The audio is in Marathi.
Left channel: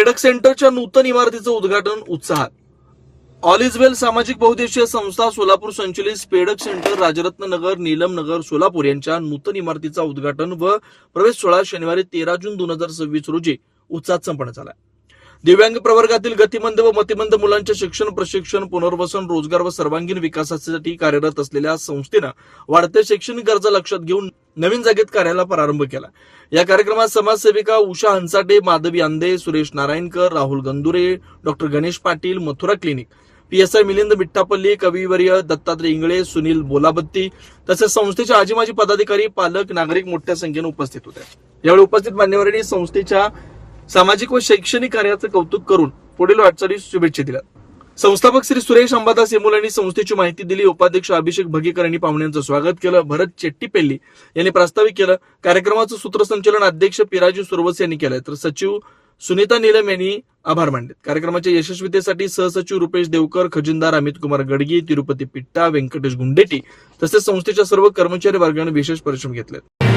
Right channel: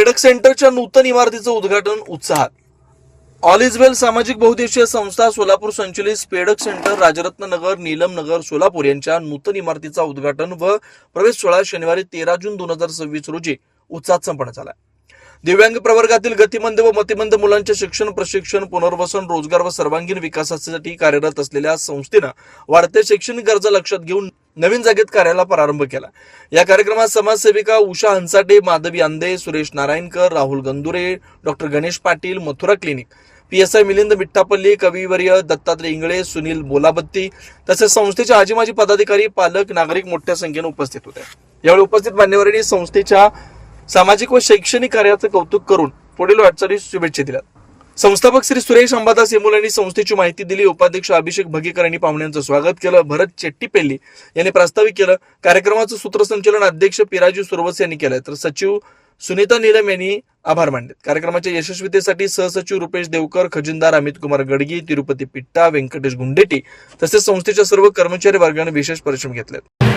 पेडक सेंटरच्या नूतन इमारतीचं उद्घाटन उत्साहात. ऑल इज वेल सामाजिक बहुउद्देशीय संस्था सोलापूर संचलित पेडक सेंटर राजरत्न नगर नीलम नगर सोलापूर यांच्या नूतन इमारतीचा उद्घाटन व प्रवेश सोहळा शनिवारी 13 जून 2026 रोजी उत्साहात संपन्न झाला. दिव्यांग प्रवर्गातील गतिमंद व मतिमंद मुलांचे शिक्षण, प्रशिक्षण, पुनर्वसन, रोजगार व सर्वांगीण विकासासाठी कार्यरत असलेल्या संस्थेनं वाढत्या शैक्षणिक गरजा लक्षात घेऊन नवीन जागेत कार्याला प्रारंभ केला. या कार्यक्रमात समाजसेविका Usha Hansate, Madhavi Ande, Suresh Narayankar, Rahul Gandure, doctor Ganesh Patil, Mathura clinic, PSI Milind Mithapalli, कविवर्य दत्तात्रय इंगळे, सुनील बोलाबत्ती तसेच संस्थेचे आजी माजी पदाधिकारी, पालक, नागरिक मोठ्या संख्येने उपस्थित होते. यावेळी उपस्थित मान्यवरांनी संस्थेच्या सामाजिक व शैक्षणिक कार्याचं कौतुक करून पुढील वाटचालीस शुभेच्छा दिल्या. संस्थापक श्री सुरेश अंबादास येमुल यांनी संस्थेची माहिती दिली. उपाध्यक्ष अभिषेक भगीकर यांनी पाहुण्यांचं स्वागत केलं. भरत चेट्टीपेल्ली यांनी प्रास्ताविक केलं. कार्यक्रमाचं सूत्रसंचालन अध्यक्ष पिराजी सुरवस यांनी केलं, तर सचिव सुनीता नीलम यांनी आभार मानले. कार्यक्रमाच्या यशस्वीतेसाठी सहसचिव रुपेश देवकर, खजिनदार अमित कुमार गडगी, तिरुपती पिट्टा, व्यंकटेश गुंडेटी तसेच संस्थेच्या सर्व कर्मचारी वर्गाने विशेष परिश्रम घेतले.